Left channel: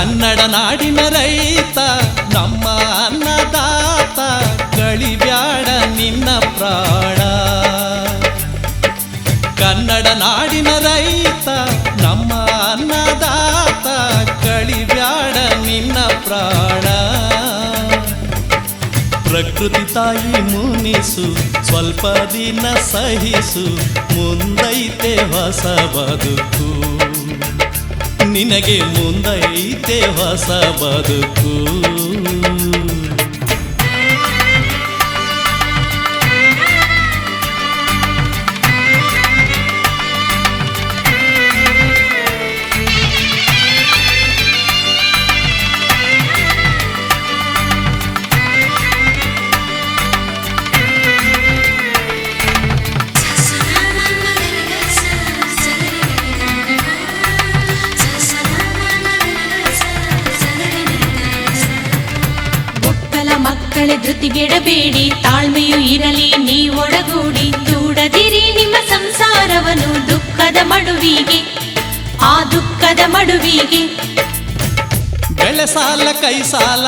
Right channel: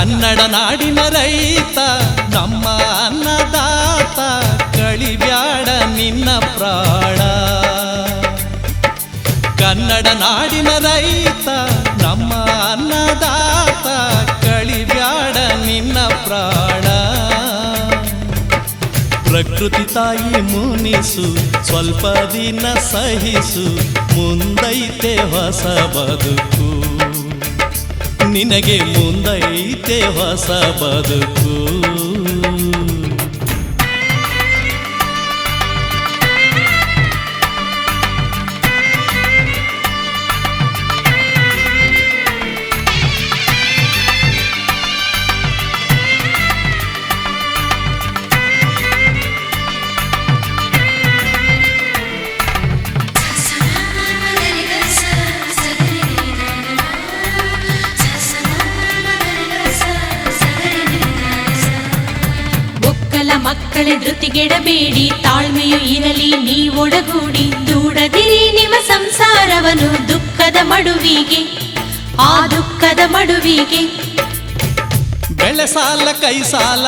ಕನ್ನಡ ನಾಡಿನ ರೈತ ನಮ್ಮ ಅನ್ನದಾತ, ಕಳಿಬ್ಯಾಡ ನಿನ್ನ ಪ್ರಾಣ. ಕನ್ನಡ ನಾಡಿನ ರೈತ ನಮ್ಮ ಅನ್ನದಾತ, ಕಳಿಬ್ಯಾಡ ನಿನ್ನ ಪ್ರಾಣ. ಪ್ರಕೃತಿ ತಾಯಿ ಮುನಿಸು, ಸ್ವಲ್ಪ ದಿನ ಸಹಿಸು, ಮುಂದೈತೆ ಹೊಸ ಬದುಕು. ನಿನಗೆ ಮುಂದೈತೆ ಹೊಸ ಬದುಕು. ಮಕ್ಕಳ ಧೃತಿಗೆಡಬೇಡಿ, ತಾಳ್ಮೆಯು ಇರಲಿ ನೀವೊಡಗೂಡಿ. ದೂಡದಿರಿ ನಿಮ್ಮ ಸಂಸಾರವನ್ನು ದುಃಖದ ಮಡುವಿಗೆ, ಆ ದುಃಖದ ಮಡುವಿಗೆ. ಬೆಳೆ ಸಾಲ ಕೈ ಸಾಲ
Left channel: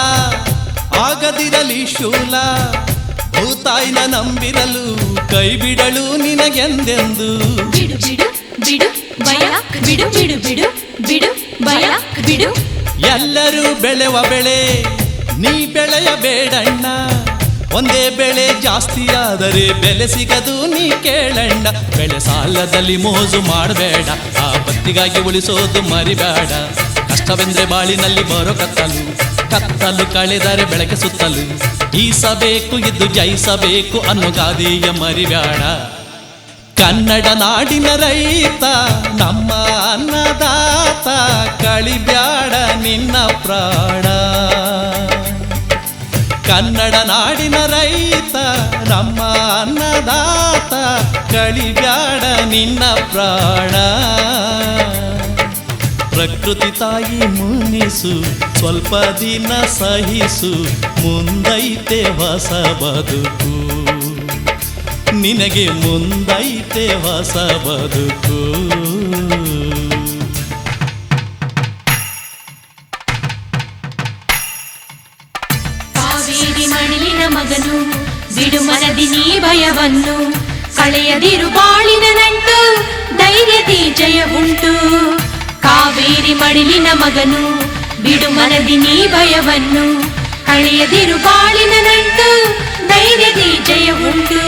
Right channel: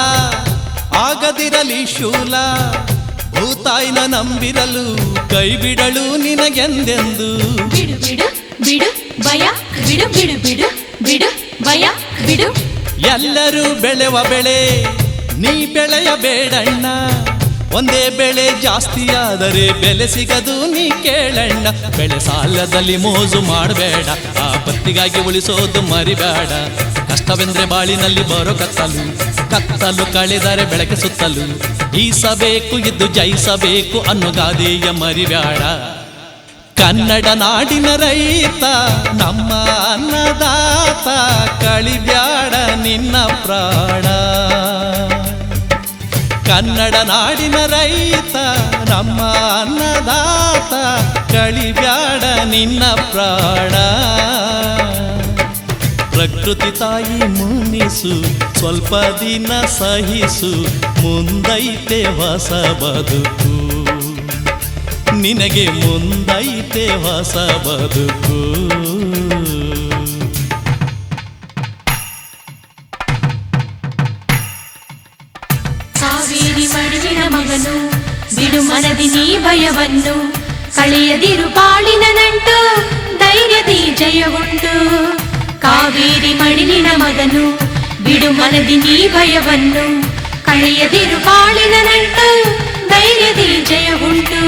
ಆಗದಿರಲಿ ಶೂಲ, ಭೂತಾಯಿನ ನಂಬಿರಲು ಕೈ ಬಿಡಲು ನಿನಗೆಂದೆಂದು. ಬಿಡು ಬಿಡು ಬಿಡು ಭಯ, ಬಿಡು ಬಿಡು ಬಿಡು ಬಿಡು ಭಯ ಬಿಡು. ಎಲ್ಲರೂ ಬೆಳೆವ ಬೆಳೆ ನೀ ಬೆಳೆಯಬೇಡಣ್ಣ, ಒಂದೇ ಬೆಳೆ ಜಾಸ್ತಿಯಾದರೆ ಬೆಲೆ ಸಿಗದು ನೀ ಕೇಳಣ್ಣ. ಬೆಳೆ ಸಾಲದಲ್ಲಿ ಮೋಜು ಮಾಡಬೇಡ, ಆ ಬತ್ತಿಗಾಗಿ ಉಳಿಸೋದು ಮರಿಬೇಡ. ಕಷ್ಟವೆಂದ್ರೆ ಬಾಳಿನಲ್ಲಿ ಬರೋ ಕತ್ತಲು, ಕತ್ತಲು ಕಳೆದರೆ ಬೆಳಕೆ ಸುತ್ತಲು. ಈಸಬೇಕು ಇದ್ದು ಜಯಿಸಬೇಕು ಅನ್ನೋ ಗಾದೆಯ ಮರಿಬೇಡ. ಕನ್ನಡ ನಾಡಿನ ರೈತ ನಮ್ಮ ಅನ್ನದಾತ, ಕಳಿಬ್ಯಾಡ ನಿನ್ನ ಪ್ರಾಣ. ಕನ್ನಡ ನಾಡಿನ ರೈತ ನಮ್ಮ ಅನ್ನದಾತ, ಕಳಿಬ್ಯಾಡ ನಿನ್ನ ಪ್ರಾಣ. ಪ್ರಕೃತಿ ತಾಯಿ ಮುನಿಸು, ಸ್ವಲ್ಪ ದಿನ ಸಹಿಸು, ಮುಂದೈತೆ ಹೊಸ ಬದುಕು. ನಿನಗೆ ಮುಂದೈತೆ ಹೊಸ ಬದುಕು. ಕಾವೇರಿ ಮಡಿಲಿನ ಮಗನು, ಬಿಡು ಮನದಿ ನೀ ಭಯವನ್ನು. ಕಳೆಯದಿರು ಬಾಳಿನ ನಂಟು, ಧೈರ್ಯದಿ ಜಯ ಉಂಟು. ಕಾವೇರಿ ಮಡಿಲಿನ ಮಗನು, ಬಿಡು ಮನದಿ ನೀ ಭಯವನ್ನು. ಕಳೆಯದಿರು ಬಾಳಿನ ನಂಟು, ಧೈರ್ಯದಿ ಜಯ ಉಂಟು.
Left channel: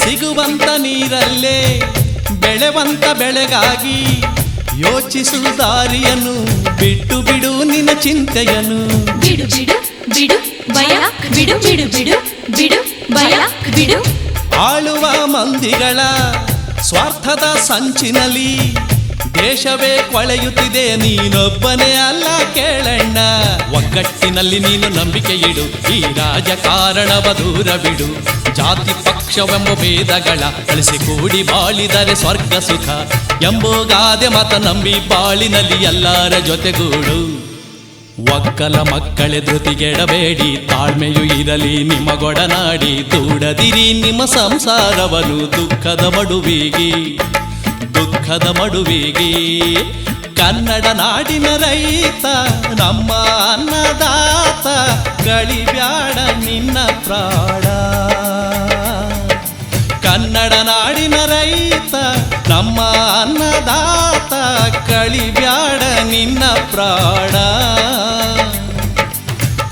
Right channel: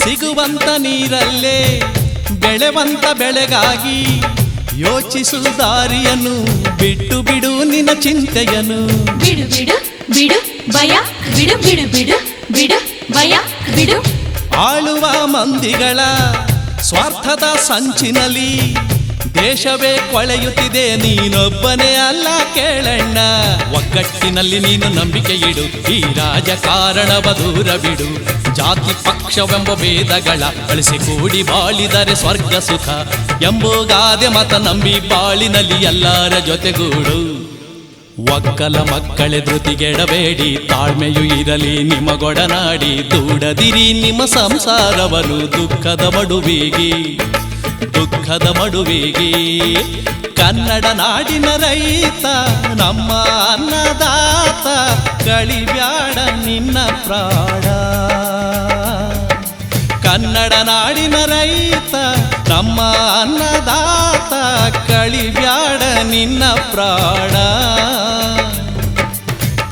ಸಿಗುವಂತ ನೀರಲ್ಲೇ ಬೆಳೆವಂತ ಬೆಳೆಗಾಗಿ, ಯೋಚಿಸು ದಾರಿಯನ್ನು, ಬಿಟ್ಟು ಬಿಡು ನಿನ್ನ ಚಿಂತೆಯನ್ನು. ಬಿಡು ಬಿಡು ಬಿಡು ಭಯ, ಬಿಡು ಬಿಡು ಬಿಡು ಬಿಡು ಭಯ ಬಿಡು. ಆಳುವ ಮಂದಿಗಳ ಸ್ವಾರ್ಥದ ಸಂಚಿನಲ್ಲಿ ದೇಶವೇ ಕೊಳೆಯುತ್ತಿದೆ, ನೀನೊಬ್ಬನೇ ಅಲ್ಲ ಕೇಳಣ್ಣ. ಒಗ್ಗಟ್ಟಿನಲ್ಲಿ ನೀನು ನಂಬಿಕೆ ಇಡು, ಈ ರಾಜಕಾರಣವ ದೂರ ಬಿಡು. ಜಾತಿ ಪಕ್ಷವೆಂಬ ಭೇದಗಳ ಅಳಿಸಿ ಕೂಡಿ ಬಾಳಿದರೆ ಸ್ವರ್ಗ ಸುಖ ಎಂಬೋ ಗಾದೆ ಮತ ನಂಬಿ ಬಾಳಿನಲ್ಲಿ ಎಲ್ಲರ ಜೊತೆಗೂಡು. ಒಕ್ಕಲ ಮಕ್ಕಳೇ ಧೃತಿಗೆಡಬೇಡಿ, ತಾಳ್ಮೆಯು ಇರಲಿ ನಿಮಗೊಡನಾಡಿ. ದೂಡದಿರಿ ನಿಮ್ಮ ಸಂಸಾರವನ್ನು ದುಃಖದ ಮಡುವಿಗೆ, ದುಃಖದ ಮಡುವಿಗೆ. ಕನ್ನಡ ನಾಡಿನ ರೈತ ನಮ್ಮ ಅನ್ನದಾತ, ಕಳಿಬ್ಯಾಡ ನಿನ್ನ ಪ್ರಾಣ. ಕನ್ನಡ ನಾಡಿನ ರೈತ ನಮ್ಮ ಅನ್ನದಾತ, ಕಳಿಬ್ಯಾಡ ನಿನ್ನ ಪ್ರಾಣ.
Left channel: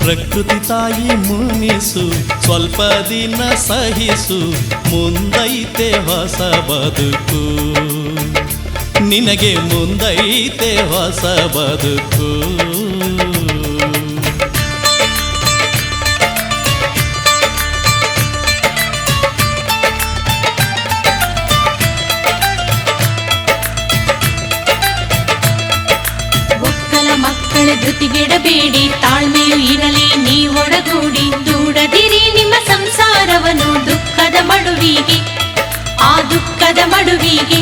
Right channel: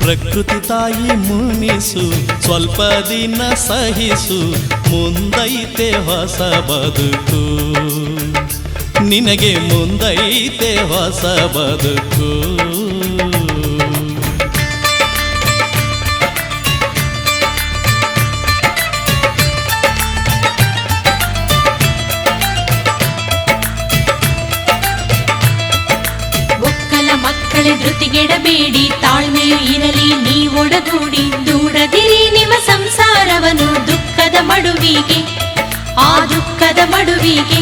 ಪ್ರಕೃತಿ ತಾಯಿ ಮುನಿಸು, ಸ್ವಲ್ಪ ದಿನ ಸಹಿಸು, ಮುಂದೈತೆ ಹೊಸ ಬದುಕು. ನಿನಗೆ ಮುಂದೈತೆ ಹೊಸ ಬದುಕು. ಮಕ್ಕಳ ಧೃತಿಗೆಡಬೇಡಿ, ತಾಳ್ಮೆಯು ಇರಲಿ ನೀವೊಡಗೂಡಿ. ದೂಡದಿರಿ ನಿಮ್ಮ ಸಂಸಾರವನ್ನು ದುಃಖದ ಮಡುವಿಗೆ, ಆ ದುಃಖದ ಮಡುವಿಗೆ.